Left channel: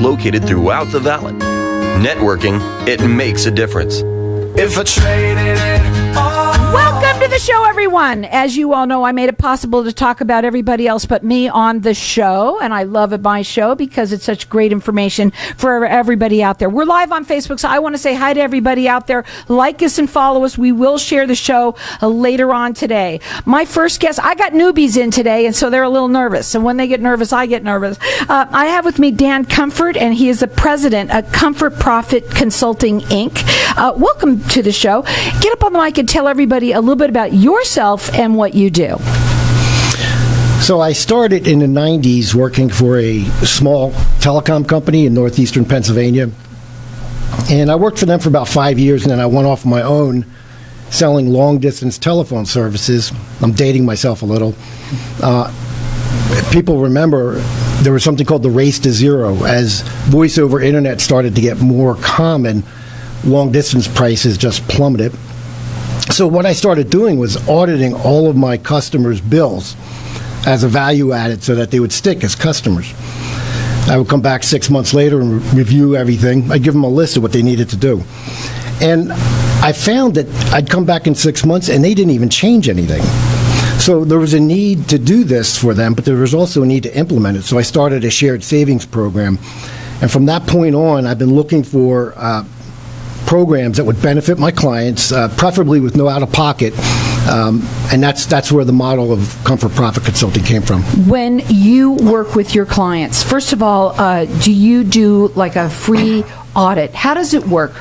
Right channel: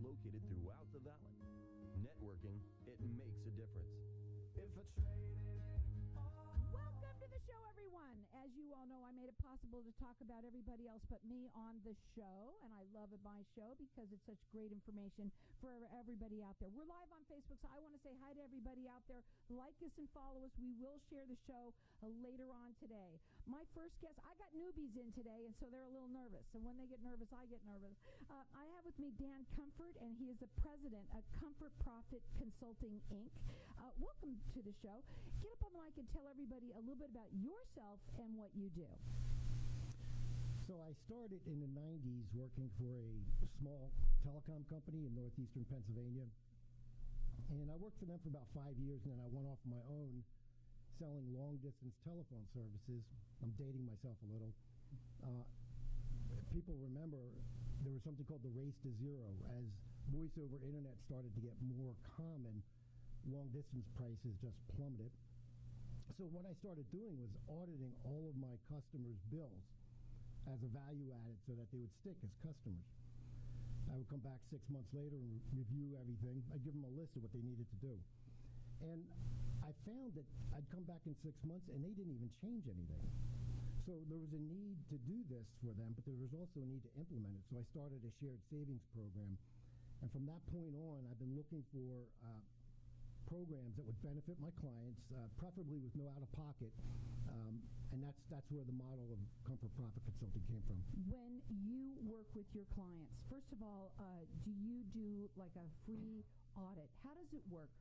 located throughout the valley. Networking, it makes a difference. If I traded it all. Welcome to the show, everyone. As you all know, I made it possible to talk about everybody else but me on the show, and I love my show because it's such great information for everybody out there. We're live on Facebook, so I want to say hi to everybody out there. Like us and follow us. We will share the show later on today. My first guest, I got newbies in today, and so they're a little nervous. And when they get nervous, I get nervous. I have with me Dan Comfort, and he is the president of Comfort Profit Consulting, Inc. Welcome to the show. Get up on the mic and tell everybody a little bit about yourself and what you do. So I started in the 90s working for a small telecom company in northeastern Pennsylvania. And I worked for them for about 5 years, and then I went off on my own selling long-distance telephone services. I'm dating myself a little. People remember there was something called the race to zero. As voice over internet started to get more common, long-distance prices just plummeted. So what I started doing was auditing all of my customers' bills as a value added so that they would stick as customers. I would come back 6 months later and review everything. I'd give them a list of what they needed to do. And I found that I'd come back in 6 months and they didn't even change anything. So there was a need to do this for them, but there was also a need to implement it. So I started a shared savings program. And from that point on, I've been looking for programs that would benefit my clients, preferably with no out-of-pocket, and that's where the model of Comfort Profit Consulting came from. When you work with your clients, first of all, do you do like a free audit? How does it work?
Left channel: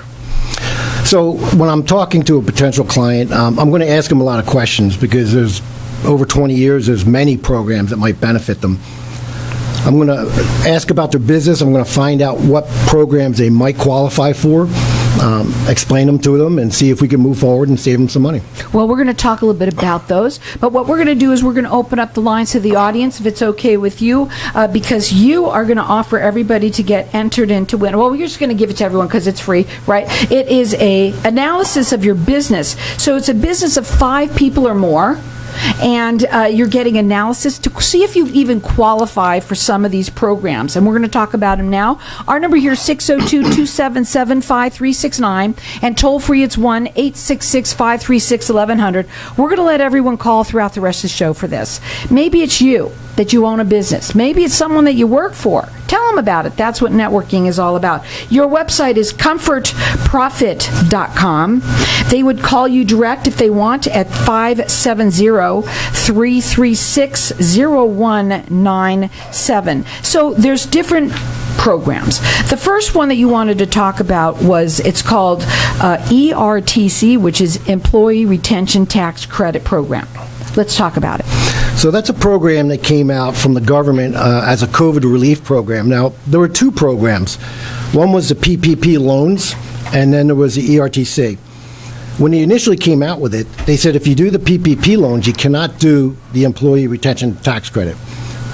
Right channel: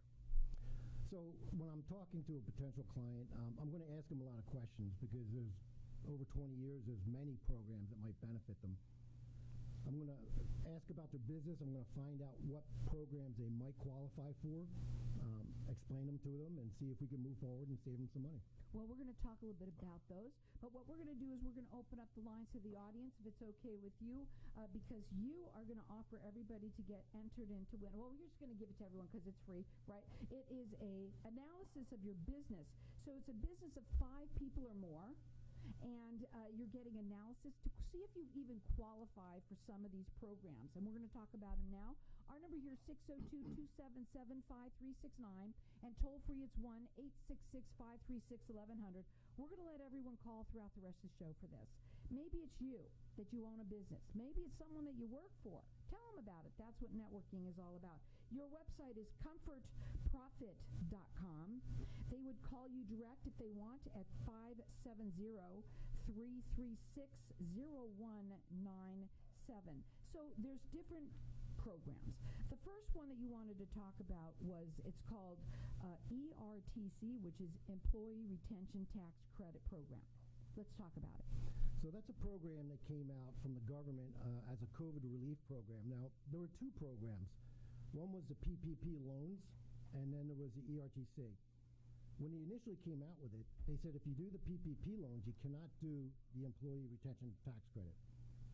So when I'm talking to a potential client, I'm going to ask them a lot of questions because there's over 20 years, there's many programs that might benefit them. I'm going to ask about their business. I'm going to find out what programs they might qualify for, explain them to them, and see if we can move forward and save them some money. Well, we're going to talk a little bit about those. But what we're going to do is we're going to open up the lines to the audience, if it's okay with you, because you are going to offer everybody to get entered into win. Well, we're just going to give it to everyone because it's free, right? It is a analysis of your business. So it's a business of 5 people or more. And you're getting analysis to see if you even qualify for some of these programs. And we're going to talk about them now. Our number here is 602-277-5369. And toll free, it's 1-866-536-1100. We're going to let everyone call throughout the rest of the show for this. Maybe it's you that you own a business. Maybe it's someone that you work for. Tell them about it. That's what networking is all about. Your website is comfortprofit.com. They would call you direct if they want at 570-336-0197. So there's different programs. The first one that you wanted to talk about was, it's called ERTC, which is Employee Retention Tax Credit Program. Let's talk about it. So that's a program that came out from the government as a COVID relief program. Now, there were 2 programs. One was the PPP loans, and then there was the ERTC. When they initially came out with it, they said if you do the PPP loans, you cannot do the Employee Retention Tax Credit.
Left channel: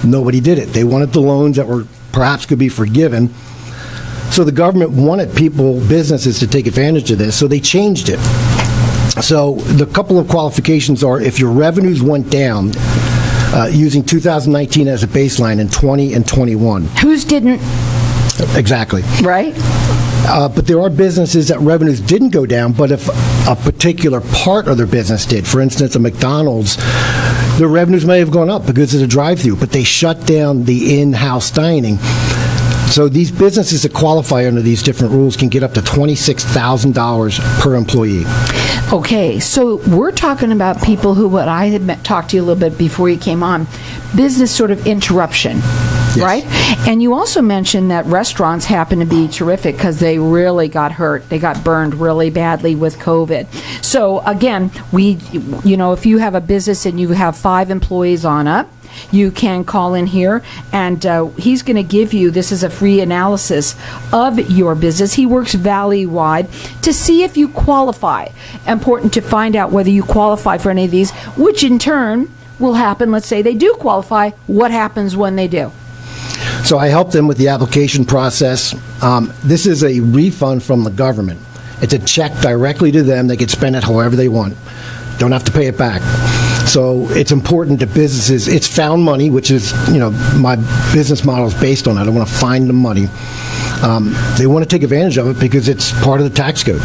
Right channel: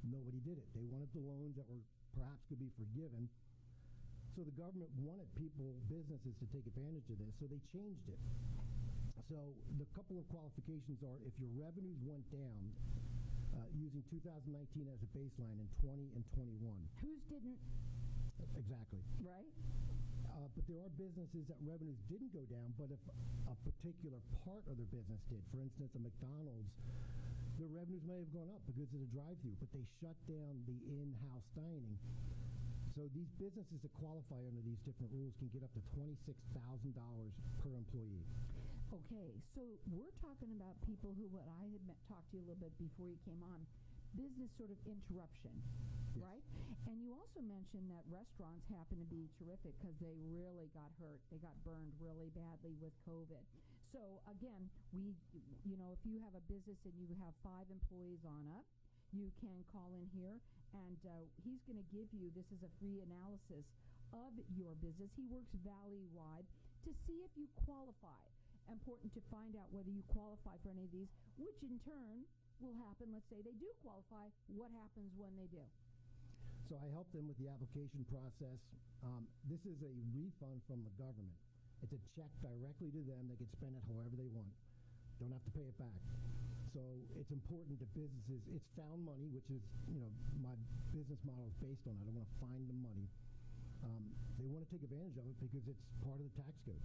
Nobody did it. They wanted the loans that were perhaps could be forgiven. So the government wanted businesses to take advantage of this, so they changed it. So the couple of qualifications are if your revenues went down using 2019 as a baseline in 20 and 21. Whose didn't? Exactly. Right. But there are businesses that revenues didn't go down, but if a particular part of their business did, for instance, a McDonald's, their revenues may have gone up because of the drive-through, but they shut down the in-house dining. So these businesses that qualify under these different rules can get up to $26,000 per employee. Okay, so we're talking about people who, what I had talked to you a little bit before you came on, business sort of interruption, yes. Right? And you also mentioned that restaurants happen to be terrific because they really got hurt. They got burned really badly with COVID. So again, if you have a business and you have 5 employees on up, you can call in here, and he's going to give you, this is a free analysis of your business. He works valley-wide to see if you qualify. Important to find out whether you qualify for any of these, which in turn will happen. Let's say they do qualify. What happens when they do? So I help them with the application process. This is a refund from the government. It's a check directly to them. They can spend it however they want. Don't have to pay it back. So it's important to businesses. It's found money, which is, my business model is based on it. I want to find the money. they want to take advantage of it because it's part of the tax code.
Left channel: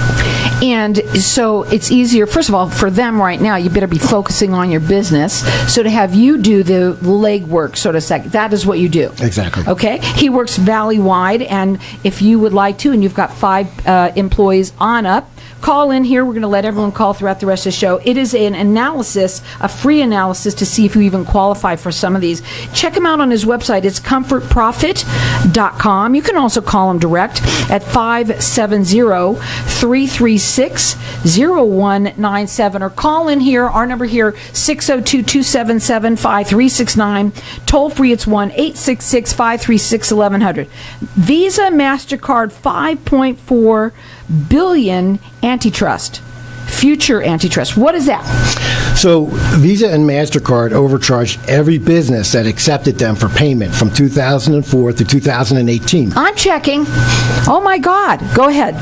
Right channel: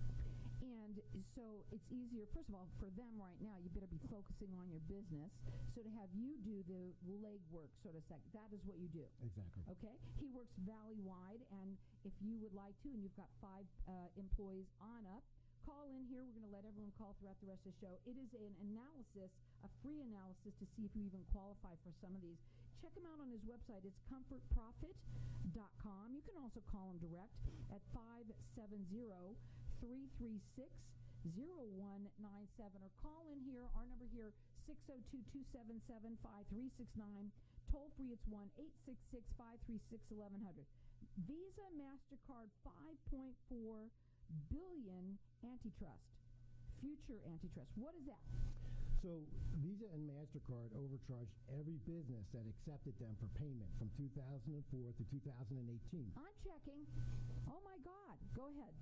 And so it's easier, first of all, for them right now, you better be focusing on your business. So to have you do the legwork, so to say, that is what you do. Exactly. Okay? He works valley-wide, and if you would like to, and you've got 5 employees on up, call in here. We're going to let everyone call throughout the rest of the show. It is an analysis, a free analysis to see if you even qualify for some of these. Check him out on his website. It's comfortprofit.com. You can also call him direct at 570-336-0197 or call in here. Our number here, 602-277-5369. Toll free, it's 1-866-536-1100. Visa, MasterCard, 5.4 billion antitrust. Future antitrust. What is that? So Visa and MasterCard overcharged every business that accepted them for payment from 2004 to 2018. I'm checking. Oh, my God. Go ahead.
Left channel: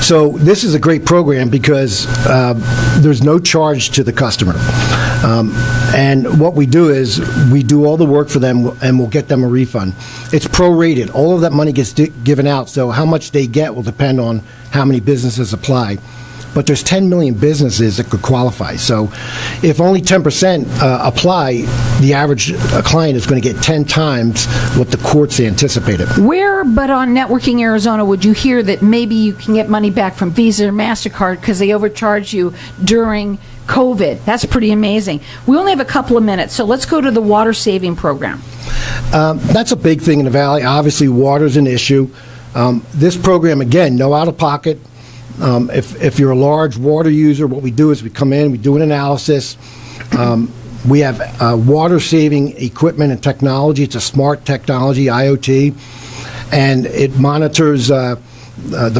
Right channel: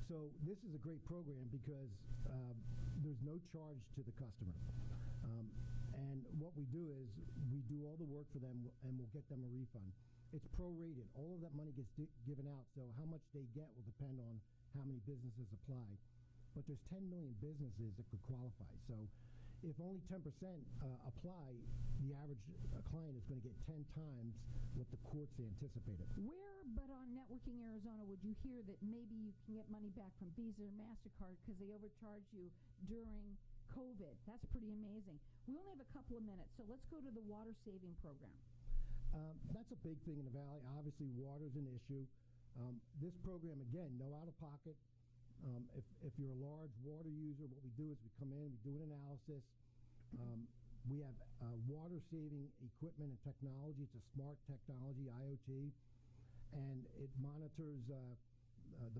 So this is a great program because there's no charge to the customer. And what we do is we do all the work for them and we'll get them a refund. It's prorated. All of that money gets given out, so how much they get will depend on how many businesses apply. But there's 10 million businesses that could qualify. So if only 10% apply, the average client is going to get 10 times what the courts anticipated. Where but on Networking Arizona would you hear that maybe you can get money back from Visa or MasterCard because they overcharged you during COVID? That's pretty amazing. We only have a couple of minutes, so let's go to the water saving program. That's a big thing in the Valley. Obviously, water's an issue. This program, again, no out-of-pocket. If you're a large water user, what we do is we come in, we do an analysis. We have water-saving equipment and technology. It's a smart technology, IoT, and it monitors the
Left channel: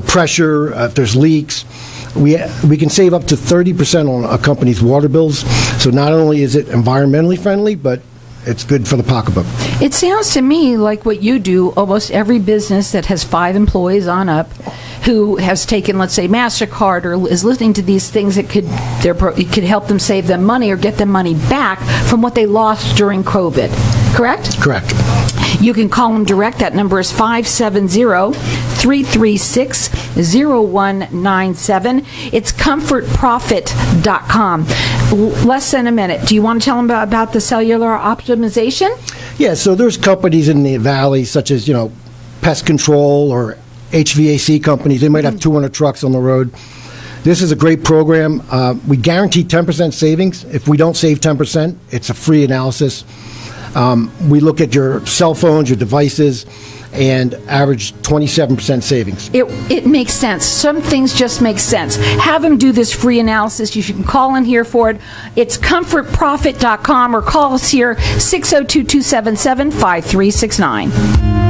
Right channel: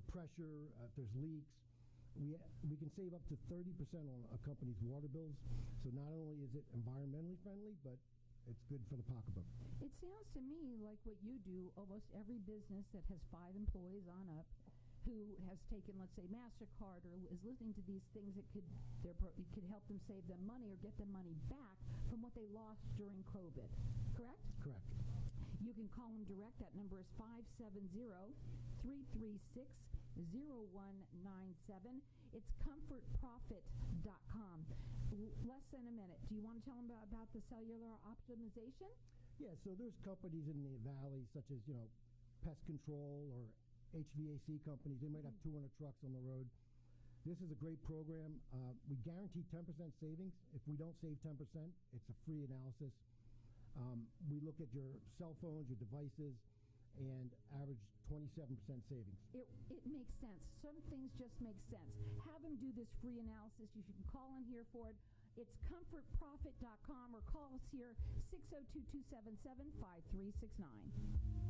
pressure, if there's leaks. We can save up to 30% on a company's water bills. So not only is it environmentally friendly, but it's good for the pocketbook. It sounds to me like what you do, almost every business that has 5 employees on up who has taken, let's say, MasterCard or is listening to these things that could help them save them money or get them money back from what they lost during COVID. Correct? Correct. You can call them direct. That number is 570-336-0197. It's comfortprofit.com. Less than a minute. Do you want to tell them about the cellular optimization? Yeah, so there's companies in the Valley such as, pest control or HVAC companies. They might have 200 trucks on the road. This is a great program. We guarantee 10% savings. If we don't save 10%, it's a free analysis. We look at your cell phones, your devices, and average 27% savings. It makes sense. Some things just make sense. Have them do this free analysis. You can call in here for it. It's comfortprofit.com or call us here, 602-277-5369.